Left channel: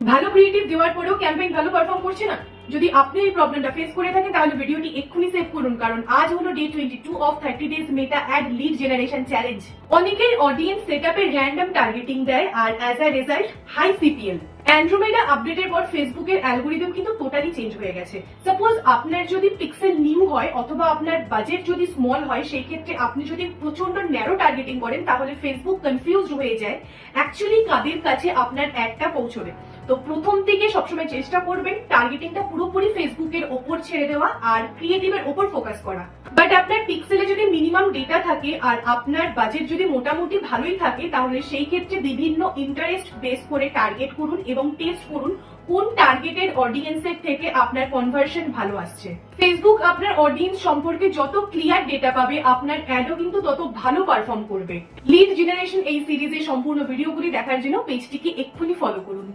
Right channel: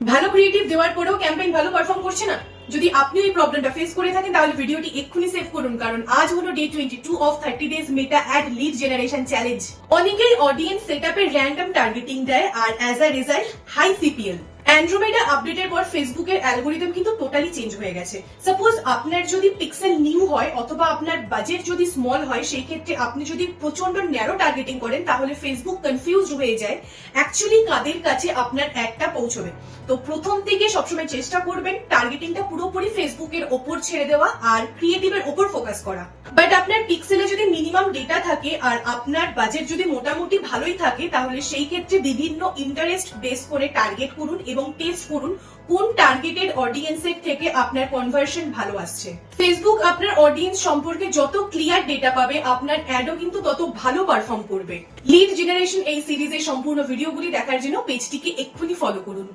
ভালো ক্রিয়েটিভ দেওয়ার পরেও ক্যাম্পেইন ভালো পারফর্ম করছে না? যদি আপনি এই প্রবলেমটা ফেস করে থাকেন তাহলে ভিডিওটি এক্ষুনি সেভ করুন, কারণ আজ হলো day 22 of 30 days Meta ad lead generation challenge. অনেকেই অডিয়েন্স সেটআপে র্যান্ডম টার্গেটিং দেয় আর as a result high CPL. Andromeda আপডেটের পর ফেসবুকের অ্যালগোরিদম কিন্তু টোটালি চেঞ্জ হয়ে গেছে। সাপোজ আপনার যদি পিক্সেল নিউ হয় অথবা আপনার বাজেট যদি স্মল হয়, সেই ক্ষেত্রে আপনি যদি প্রচন্ড ন্যারো টার্গেটিং করেন তাহলে ফেসবুক কনফিউজড হয়ে যায় অ্যাকচুয়ালি কাদের কাছে আপনার অ্যাডটা পৌঁছবে। তো প্রথম থেকে সবসময় চেষ্টা করবেন টার্গেটিংটা পুরোপুরি ফেসবুকের ওপর ছেড়ে দেওয়া আর ক্রিয়েটিভের ওপর ফোকাস করা। বাট আপনার পিক্সেলে যদি মিনিমাম ডেটা থাকে আর আপনার বাজেট যদি মোটামুটি ভালোই থাকে, তাহলে সেই ক্ষেত্রে বিভিন্ন ইন্টারেস্ট বেস করে টার্গেট করুন এবং টেস্ট করুন কোন টার্গেটেড অডিয়েন্সের থেকে আপনার কনভার্সন ভালো আসছে। ফেসবুক আপনার অডিয়েন্স সম্পর্কে যত ক্লিয়ার ডেটা পাবে, আপনার অ্যাডও কিন্তু তত ভালো পারফর্ম করবে। লিড জেনারেশন এই সিরিজের সম্পূর্ণ ভিডিওগুলি দেখার জন্য পেজটিকে এক্ষুনি ফলো করুন।